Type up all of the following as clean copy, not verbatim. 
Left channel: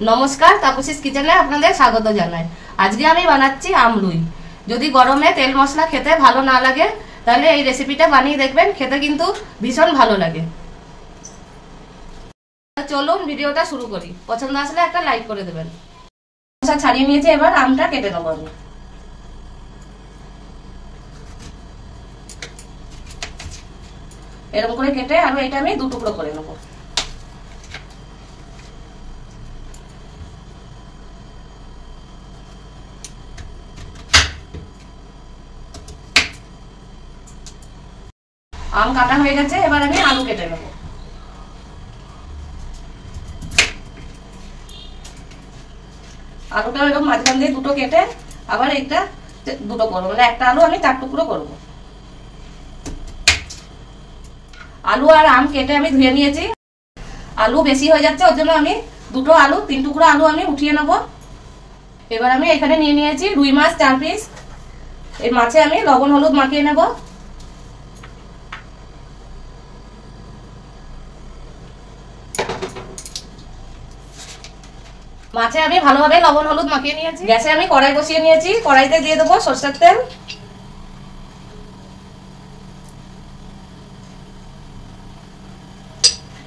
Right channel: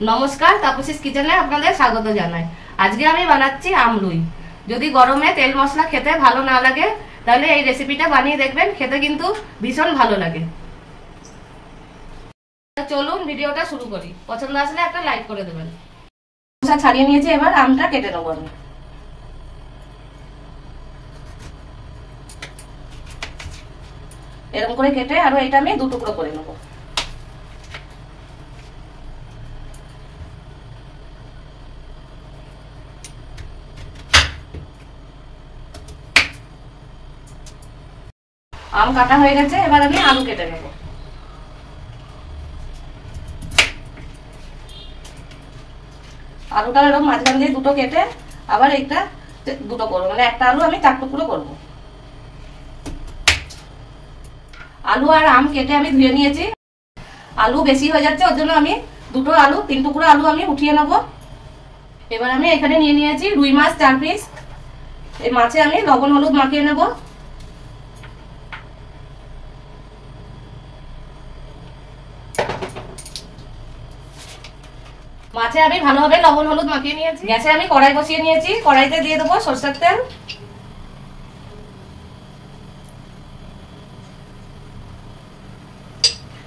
নমস্কার, তাপসীস কিচেনে আপনাদের স্বাগত জানাই। আজকে আমি বানাচ্ছি আমরুই। যদি গরমে তেল মশলা খেতে ভালো না লাগে তাহলে এই রেসিপিটা বানিয়ে দেখবেন, খেতে কিন্তু ভীষণ ভালো লাগে। চলুন ভিডিওটা শুরু করি। পছন্দ আসলে একটা লাইক করে দেবেন। ছাড়িয়ে নিয়েছি, এবার আমটা কেটে নেবো আমি। এরকম করে কেটে আর এটা আমি দু টুকরো করে নেবো। আম কাটা হয়ে গেছে, এবার আমি আলু কেটে নেব। আলুটা এরকম মাঝখান দিয়ে দুটো কেটে আবার একটা দুটো করবো, মানে একটা আলু আমি 4 টুকরো করব। আলু আর আম কেটে আমি ধুয়ে নিয়েছি। আলু বেশি হয়ে যাচ্ছে, ওর জন্য আমি দুটো আলু 3 টুকরো আলু আমি উঠিয়ে নেব। এবার আমি এখানে নিয়ে নিয়েছি রুই মাছ 4 পিস। এই মাছে আমি লবণ হলুদ মাখিয়ে নেব। মাছে আমি ভালোভাবে লবণ হলুদ মাখিয়ে নিয়েছি। গ্যাসে আমি কড়াই বসিয়ে নিয়েছি। কড়াইতে দিয়ে দেবো সরষের তেল।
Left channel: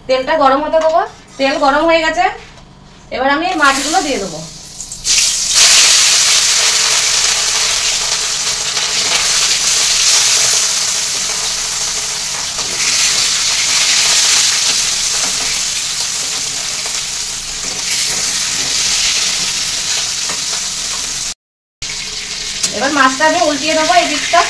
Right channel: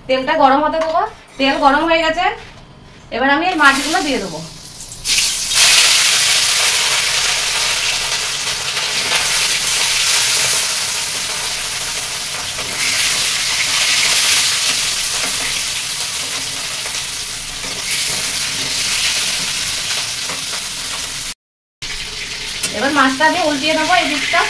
তেলটা গরম হতে দেবো। তেল গরম হয়ে গেছে, এবার আমি এই মাছগুলো দিয়ে দেবো। এবার মাছটা আমি উল্টিয়ে দেবো এই দিকটা।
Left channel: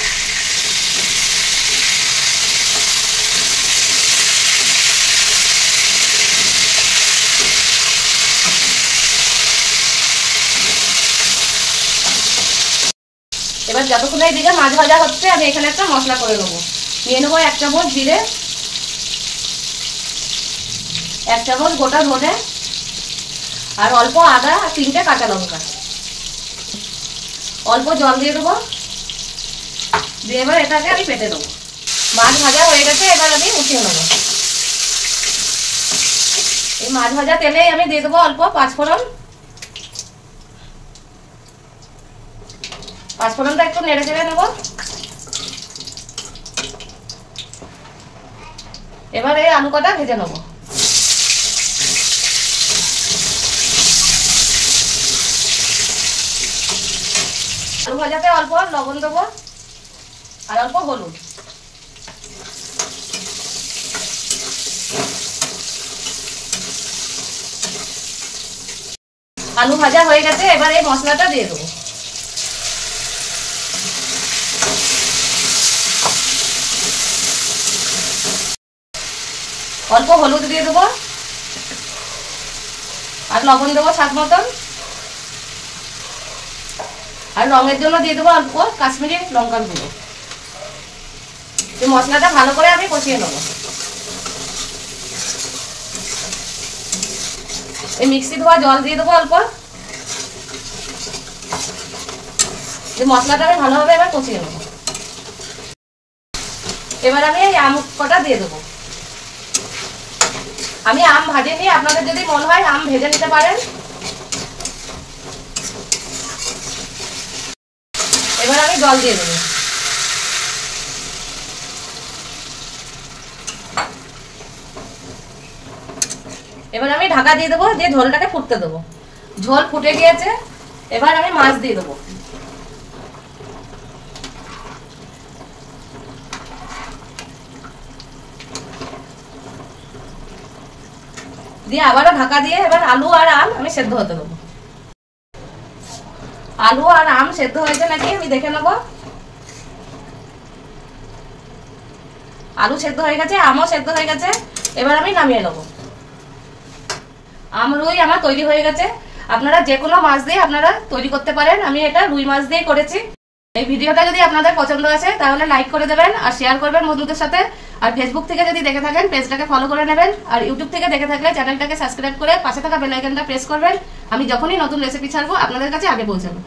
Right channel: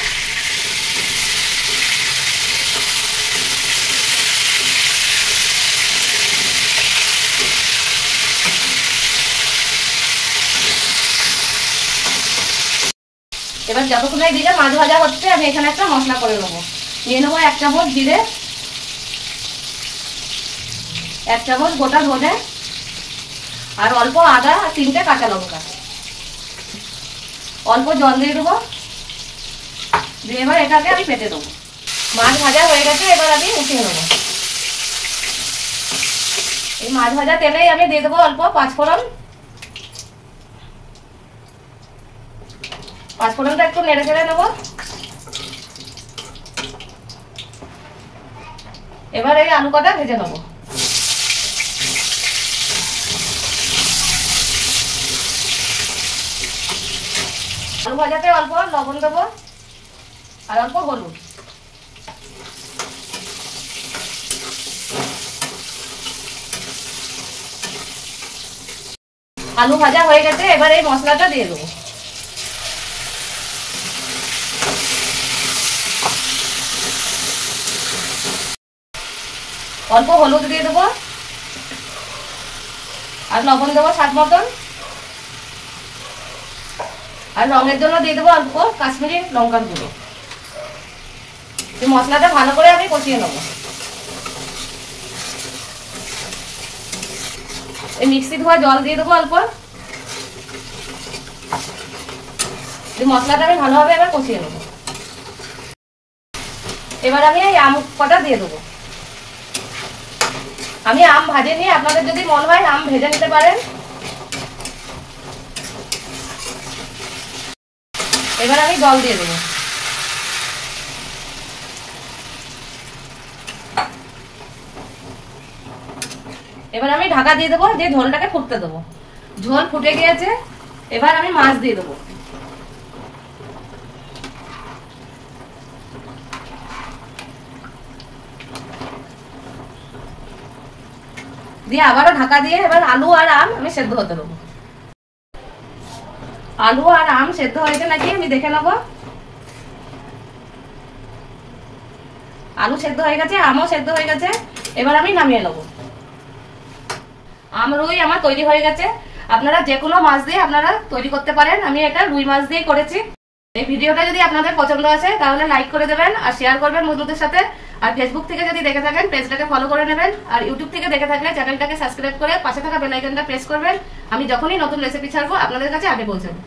এবার যতক্ষণ এই দিকে মাছ ভাজা হচ্ছে আমি এখানে একটা মশলা করে নেবো। নিয়ে নেবো 1 চামচ জিরে, 1 চামচ গোটা ধনে, আর অল্প আদা আর 3টে কাঁচা লঙ্কা। অল্প জল দিয়ে দেবো, দিয়ে এবার এটাকে আমি পেটে দেবো। মাছ ভাজা হয়ে গেছে, এবার আমি উঠিয়ে নেবো। এই মাছ ভাজা তেলেই আমি দিয়ে দেবো অল্প 5 ফোড়ন। 5 ফোড়নটা একটু নেড়ে চেড়ে নেবো। এবার এই আলু কটা ভেজে নেবো। আলু ভাজাতে অল্প লবণ দেবো আর অল্প হলুদ। আলু ভাজা হয়ে গেছে, এবার এই মশলাটা দিয়ে দেবো। অল্প হলুদ দিয়ে দেবো আর লবণ দেবো স্বাদ মতন। আর রঙের জন্য দিয়ে দেবো অল্প কাশ্মীরি লঙ্কার গুঁড়ো। এই মশলাটা ভালো করে আমি কষিয়ে নেবো। এই মিক্সি ধোয়া জল দিয়ে দেবো অল্প। এই মশলাটা আমি ভালোভাবে এবার কষিয়ে নেবো। এবার আমি এই আম কটা দিয়ে দেবো। আমি আম ভাজিনি, আপনাদের যদি মনে হয় আম ভেজে নিতে পারেন। এবার আমি জল দিয়ে দেবো। এবার আমি ঢাকা দিয়ে দেবো, দিয়ে ঝোলটাকে ফুটতে দেবো। ঝোল ফুটে গিয়েছে, এবার আমি মাছ দিয়ে দেবো। দিয়ে আবারও ঢাকা দিয়ে এবার আলু আর আম আমি সেদ্ধ হতে দেবো। আলু আর আম সেদ্ধ হয়েছে নাকি আমি দেখে নেবো। আলু সেদ্ধ হয়ে গেছে, আমও সেদ্ধ হয়ে গেছে, এবার আমি নামিয়ে নেবো। আমরুই আমার তৈরি হয়ে গেছে। আপনারা যে কোনো মাছ দিয়ে আপনারা তৈরি করতে পারেন। আমি এটা রুই মাছ দিয়ে করেছি। এই ভিডিওটা যদি আপনাদের পছন্দ আসে তাহলে লাইক করে দেবেন আর শেয়ার করবেন বন্ধুদের সাথে। আর ফেসবুক থেকে যদি দেখে থাকেন পেজটাকে ফলো করে নেবেন। আর ইউটিউব থেকে দেখে থাকলে চ্যানেলটাকে সাবস্ক্রাইব করে পাশে থাকা বেল আইকনটা প্রেস করবেন। আমি যখনই নতুন রেসিপি ছাড়বো আপনাদের কাছে আগে পৌঁছাবো।